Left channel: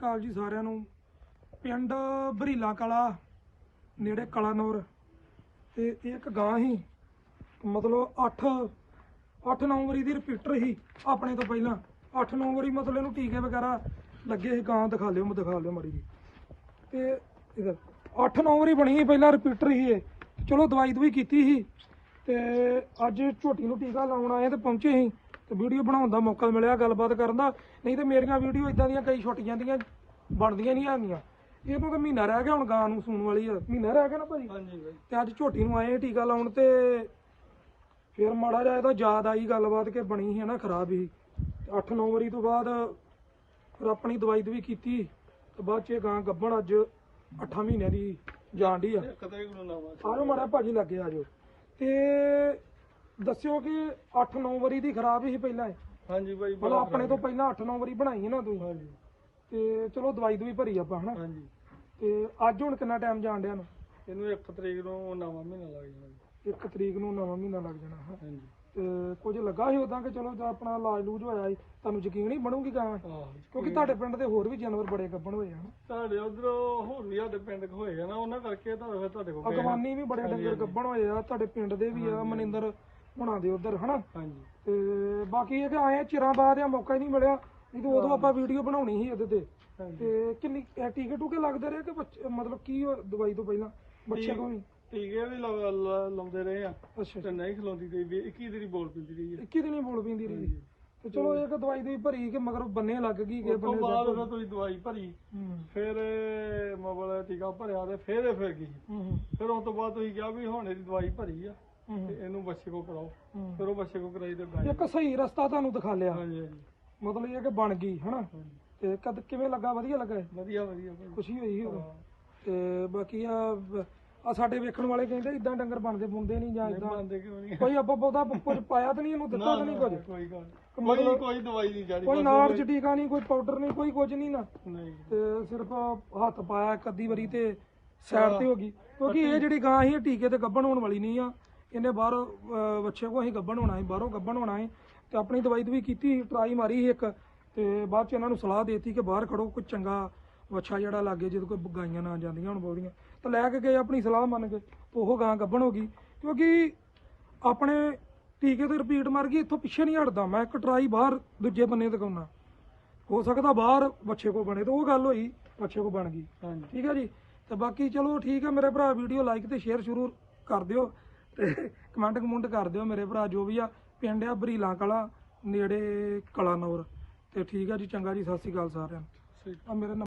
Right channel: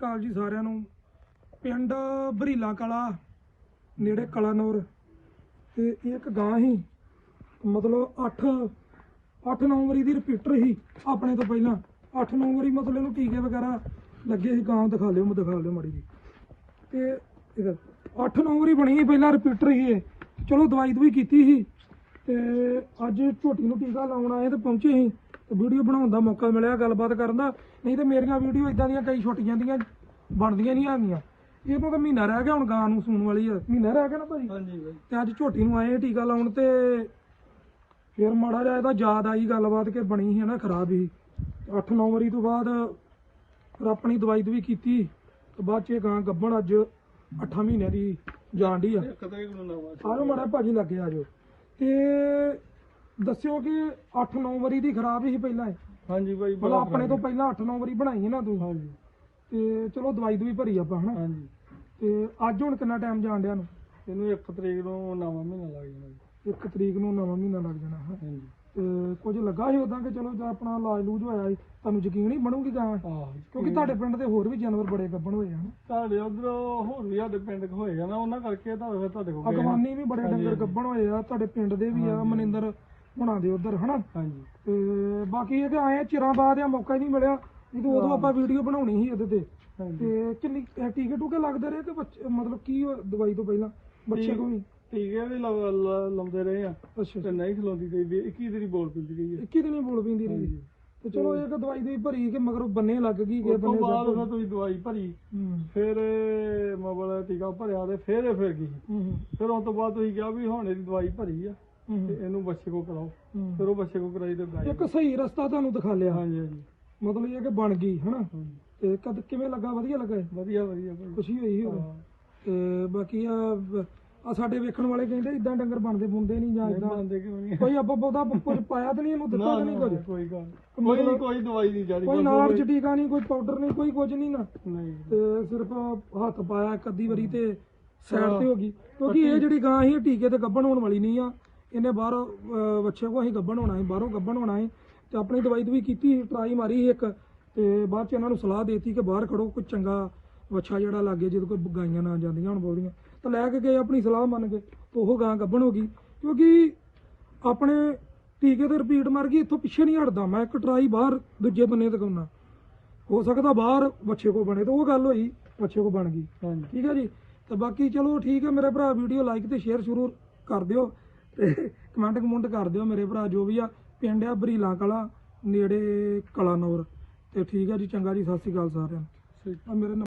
ਅਕਾਲ ਜੀ ਸਾਰਿਆਂ ਨੂੰ। ਪਿੰਡ ਬਰੀਲਾ ਕਲਾ, ਨੇੜੇ ਕਲਾਨੌਰ। ਤੇ ਇਹ ਇੱਕ ਗਾਂ ਸੀ। ਮਤਲਬ 8 8-9 ਦੀ ਰਿਪੀਟਰ ਸੀ ਆਪਣੇ ਤੋਂ ਪਹਿਲਾਂ। 8-9 ਮਤਲਬ ਇਹਨੂੰ ਟੀਕੇ ਵਗੈਰਾ ਲੱਗੇ ਸੀ। ਗਾਂ ਦਿਖਾ ਲਿਓ ਮੈਂ ਦਿਖਾ ਲਿਓ ਮਾੜੀ ਜੀ। ਤੇ ਇਹਦਾ 8-9 ਬਣੀ ਸੀ ਪਹਿਲਾਂ ਰਿਪੀਟਰ ਸੀ ਇਹ। ਚਲੋ ਦਵਾਈ ਦਵਾਈ ਕੀਤੀ ਸੀ। ਤੇ ਅੱਜ ਝੋਟੀ ਨੂੰ ਟੀਕਾ ਲਾਉਣ ਆਏ ਤੇ ਪਹੁੰਚੇ ਸੀ। ਵੀਡੀਓ ਬਣਾਉਣ ਦਾ ਮੌਕਾ ਮਿਲਿਆ ਗੱਲਬਾਤ ਕਰਨ ਦਾ। ਨਹੀਂ ਤੇ ਮੇਰੀਆਂ ਵੀਡੀਓ ਇਦਾਂ ਦੀਆਂ ਕਈ ਛੁੱਟ ਜਾਂਦੀਆਂ ਬਣਦੀਆਂ ਨਹੀਂ ਆਉਂਦੀਆਂ। ਇਹਨੂੰ ਤਾਂ ਮਹੀਨਾ ਰਹਿ ਗਿਆ ਹੁਣ ਗਾਂ ਨੂੰ ਸੂਣ ਵਾਲੀ ਆ। ਮਹੀਨਾ ਰਹਿ ਗਿਆ ਨਾ ਭਾਈ ਹਾਂਜੀ ਬਾਈ ਤੇ ਅੱਜ ਝੋਟੀ ਨੂੰ ਆਏ ਟੀਕਾ ਲਾਉਣ ਤੇ ਫਿਰ ਮਾੜਾ ਜਿਹਾ ਇਹਦਾ ਯਾਦ ਆਈ ਗੱਲਬਾਤ ਕਿ ਬਣੀ ਸੀ ਨਾ ਖਰਾਬ ਸੀ 8-9 ਵਾਰੀ ਤੋਂ ਬਾਅਦ ਫਿਰ ਆਪਣੀ ਦਵਾਈ ਦਵਾਈ ਕੀਤੀ। ਤੇ ਬਾਅਦ ਚ ਇਹ ਗਾਂ ਗੱਭਣ ਅੱਜ 8 ਮਹੀਨਿਆਂ ਦੀ ਜਾਣ ਡਈ ਆ। ਇੱਕ ਤਰੀਕ ਨੂੰ ਨਵਾਂ ਆਜੋ ਮਾੜਾ ਭਾਜੀ ਲੱਗੇ ਆਜੋ। ਤੇ ਦੱਸਿਓ ਕਿ 8-9 ਵਾਰੀ ਦੀ ਖਰਾਬ ਸੀ ਪਹਿਲਾਂ ਇਹ। ਹਾਂਜੀ ਬਾਈ ਮਤਲਬ ਆਪਣੇ ਤੋਂ ਪਹਿਲਾਂ 8-9 ਵਾਰੀ ਬਣਾਈ ਹੈ ਨਾ ਤੂੰ। ਹਾਂਜੀ। ਤੇ ਚਲੋ ਦਵਾਈ ਦਵਾਈ ਭਰੀ ਆਪਾਂ ਹਨਾ? ਹਾਂਜੀ। ਤੇ ਅੱਜ ਹੁਣ ਕਿੰਨਾ ਟਾਈਮ ਜਾਣ ਡਿਆ ਨੂੰ ਇਹਨੂੰ ਇੱਕ ਤਰੀਕ ਨੂੰ ਨਵਾਂ ਮਹੀਨਾ ਲੱਗ ਜਾਣਾ ਜੀ। ਇੱਕ ਤਰੀਕ ਨੂੰ ਨਵਾਂ ਮਹੀਨਾ ਲੱਗ ਜਾਣਾ ਹੈ ਹਾਂਜੀ। ਤੇ ਕੁਝ ਲੱਗਾ ਸੀ ਉਦਾਂ ਕਿ ਚਲੋ ਜੇ ਆਪਣਾ ਇਲਾਜ ਲੂਜ ਹੋਇਆ ਸੀ ਤੁਹਾਨੂੰ ਯਕੀਨ ਹੀ ਬਣੂਗੀ ਗਾਂ? ਆਹ ਕਿਉਂਕਿ ਤੁਹਾਡੇ ਪਿੰਡ ਦੇ ਹੋਰ ਵੀ ਜਾਨਵਰ ਬੜੇ ਗੱਭਣ ਹੋਏ ਹਨ? ਤੁਹਾਡੇ ਉਧਰ ਹੋਰ ਵੀ ਸਾਡੇ ਪਿੰਡ ਕ ਹੋਏਗਾ ਨਾ ਉਹਨਾਂ ਕਰਕੇ ਤਾਂ ਫਿਰ ਤੁਹਾਡੇ ਕੋਲ ਗਏ ਆ। ਅਗਵਾਨੀ ਵੀ ਬੜੇ ਡੰਗਰ ਗੱਭਣ ਹੋਏ ਆ ਤੁਹਾਡੇ ਪਿੰਡ ਦੇ ਵੀ ਆ ਮਨਿੰਦਰ ਹੁਣਾਂ ਦੇ ਉਧਰ ਹਨਾ? ਹਾਂਜੀ। ਤੇ ਬਾਕੀ ਇਹ ਤੇ ਆਏ ਆ, ਚਿਰਾਂ ਬਾਅਦ ਆ ਮੌਕਾ ਹੀ ਨਹੀਂ ਮਿਲਿਆ। ਨਹੀਂ ਤਾਂ ਉਦੋਂ ਆਪਾਂ ਵੀਡੀਓ ਬਣਾਉਣੀ ਸੀ ਇਹਦੇ ਤੇ। ਹਾਂਜੀ। ਤੇ ਕਿੰਨੀ ਟੀਕੇ ਟੂਕੇ ਲੱਗਦੇ ਰਹੇ ਕਿ ਬੱਚੇ ਮਤਲਬ ਕੀ ਉਹ ਦਵਾਈ ਤੋਂ ਪਹਿਲਾਂ? ਬੱਚੇ ਟੀਕੇ ਵੀ? ਲਾ- ਲਾ- ਲਾਉਂਦੇ ਰਹੇ ਆ। ਅੱਛਾ। ਤੇ ਨਹੀਂ ਖਲੋਂਦੀ ਤੇ ਵੀ 21 ਦਿਨ ਬੋਲ ਪਿੰਦੀ ਰਹੀ ਹੈ 21 ਦਿਨ ਹੀ ਬੋਲ ਪੈਂਦੀ ਰਹੀ ਤੇ ਚਲੋ ਇਹ ਕਿ ਦਵਾਈ ਦੀ ਭਰੀ ਕਿ ਮਗਰ ਬੰਨੇ ਲੱਗ ਗਈ ਕਿ ਉਸ ਤੋਂ ਬੰਨੇ ਬਾਅਦ ਫਿਰ ਤੁਸੀਂ ਦਵਾਈ ਭਰੀ। ਹੂੰ। ਫਿਰ ਮੋਬਾਈਲ ਟੀਕਾ ਭਰਿਆ ਤੇ ਫਿਰ ਇਹ ਫਿਰ ਗਈ। ਹੂੰ ਫਿਰ ਉਸ ਤੋਂ ਬਾਅਦ ਤੁਸੀਂ ਕਿਹਾ ਵੀ ਹੁਣ ਇਹਦੀ ਦਵਾਈ ਭਰੀ ਆ। ਹੂੰ ਤੇ ਇਹਨੂੰ ਬੱਚੇ ਕੋ ਕਰਾਓ। ਫਿਰ ਉਹ ਬੱਚੇ ਕੋ ਕਰਾਈ ਤੇ ਗਾਈ ਇੱਕ ਸਹੀ ਰਸਤਾ ਤੁਹਾਨੂੰ ਦਿਖਾ ਲਿਆ। ਹਾਂਜੀ ਹਾਂਜੀ। ਮਤਲਬ ਇਹ ਕਿ ਬਣ ਗਈ ਹਨਾ। ਤੇ ਕਦ ਕਿਵੇਂ ਲੱਗਾ? ਵਧੀਆ ਲੱਗਾ? ਵਧੀਆ ਵਧੀਆ ਭਾਈ। ਖੁਸ਼ੀ ਹੋਈ ਹੋਵੇ ਹਾਂ। ਤੇ ਬਾਕੀ ਆ ਆ ਸਾਡੇ ਵੇਖਣ ਵਾਲੇ ਕਹਿੰਦੇ ਇਦਾਂ ਡੰਗਰ ਬਣਦੇ ਬੁੰਦੇ ਨਹੀਂ ਜਾਂ ਇਦਾਂ ਮੰਨਦੇ ਕਿਉਂ ਨਹੀਂ? ਕੋਈ ਆਪਾਂ ਬਹੁਤਾ ਕੁਝ ਪਾਇਆ ਤਾਂ ਨਹੀਂ ਇਹਨੂੰ ਦਿੱਤਾ ਤਾਂ ਨਹੀਂ ਕੁਝ? ਕੋਈ ਗੱਲ ਕੋਈ ਕੋਈ ਦਵਾਈ ਨਹੀਂ ਜਾਰੀ ਕੋਈ ਨਾੜ ਚ ਟੀਕਾ ਨਹੀਂ ਕੋਈ ਪਾਊਡਰ ਨਹੀਂ ਕੋਈ ਕੁਝ ਨਹੀਂ ਨਾ। ਨਹੀਂ। ਤੇ ਸਿਰਫ ਹੱਥ ਪਾਇਆ ਅੱਧੀ ਵਾਰੀ ਤੇ ਸਾਈਡ ਤੇ ਹੋ ਗਈ। ਕਿਉਂਕਿ ਇਹ ਜਿਹੜੀ ਗਾਂ ਸੀ ਟੀਕੇ ਤੇ ਗੱਭਣ ਹੋਣ ਵਾਲੀ ਨਹੀਂ ਆ। ਇਹਨੇ ਬਾਹਰ ਬੱਚੇ ਕੋ ਅਸੀਂ ਗੱਭਣ ਹੋਣਾ ਹੈ ਬਾਹਰੋਂ ਗੱਭਣ ਹੋਣਾ ਹੈ। ਤੇ ਆਪਣੀ ਦਵਾਈ ਦਵਾਈ ਕੀਤੀ ਟਰਾਈ ਮਾਰੀ ਇੱਕ। ਤੇ ਬਾਅਦ ਚ ਇਹਨਾਂ ਨੂੰ ਸਲਾਹ ਦੇਤੀ ਕਿ ਬਾਹਰ ਖੜੋ ਕੋਈ ਚੰਗਾ ਵੱਛਾ ਜਿਹੜਾ ਲੱਗੇ ਜਿਹਦੇ ਕੋਈ ਗਾਈਆਂ ਨਾ ਜਾਂਦੀਆਂ ਹੁਣ ਬੋਲੀਆਂ ਤਾਂ ਲੈ ਕੇ ਗਏ ਆਪਣੀ ਸਲਾਹ ਮੰਨ ਕੇ। ਤੇ ਉਹ ਗਾਂ ਗੱਭਣ ਹੋ ਗਈ। ਕਿਉਂਕਿ ਆਪਣੇ ਟੀਕੇ ਤੇ ਰਿਪੀਟ ਮਾਰ ਗਈ ਇੱਥੋਂ ਪਿੱਛੇ ਨਹੀਂ ਹਟਦਾ। ਮੈਂ ਇੱਕ ਟਰਾਈ ਬਾਹਰ ਦੂਜੇ ਬੰਨੇ ਤਕਾਉਣਾ ਹੋ ਸਕਦਾ ਬਾਹਰ ਬੱਚੇ ਕੋ ਬਣੇ। ਤਾਂ ਉਹ ਗੱਲ ਹੋਈ ਬੱਚੇ ਕੋ ਬਣ ਗਈ। ਹਾਂਜੀ। ਠੀਕ ਹੈ ਜੀ? ਤੇ ਬਾਕੀ ਚਲੋ ਠੀਕ ਹੈ ਮੇਰੇ ਭਰਾ ਵੀਡੀਓ ਲਾਈਕ ਤੇ ਸ਼ੇਅਰ ਜ਼ਰੂਰ ਕਰ ਦਿਓ। ਤੇ ਕਮੈਂਟ ਕਮੈਂਟ ਕਰ ਦਿਓ ਮੇਰੇ ਭਰਾ ਜੋ ਵੀ ਆ ਪਿੰਡ ਆ ਬਰੀਲਾ ਕਲਾ ਨੇੜੇ ਕਲਾਨੌਰ। ਤੇ ਠੀਕ ਹੈ ਜੀ ਚੰਗਾ ਜੀ ਸਤਿ ਸ਼੍ਰੀ ਅਕਾਲ ਸਾਰਿਆਂ ਨੂੰ। ਆ ਮੇਰੇ